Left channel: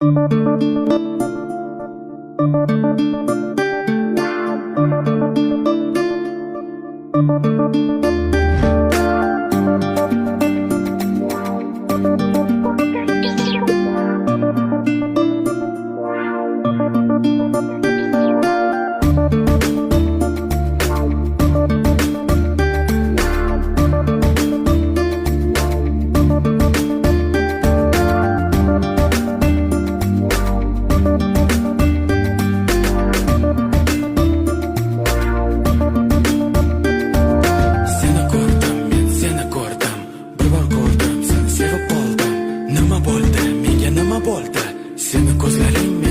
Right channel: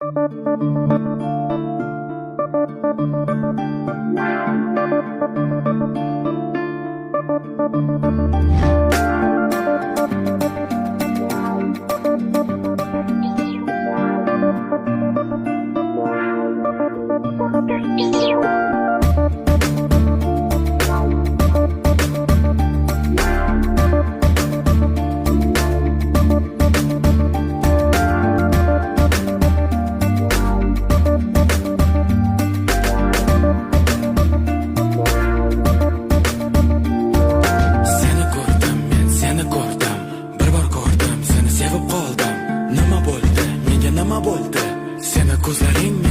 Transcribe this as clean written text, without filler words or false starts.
Seni ko'rdim, men seni ko'rdim. Bir bor ko'rdim, seni sevib qoldim. Nima bo'ldi? Menga nima bo'ldi? Seni ko'zlaring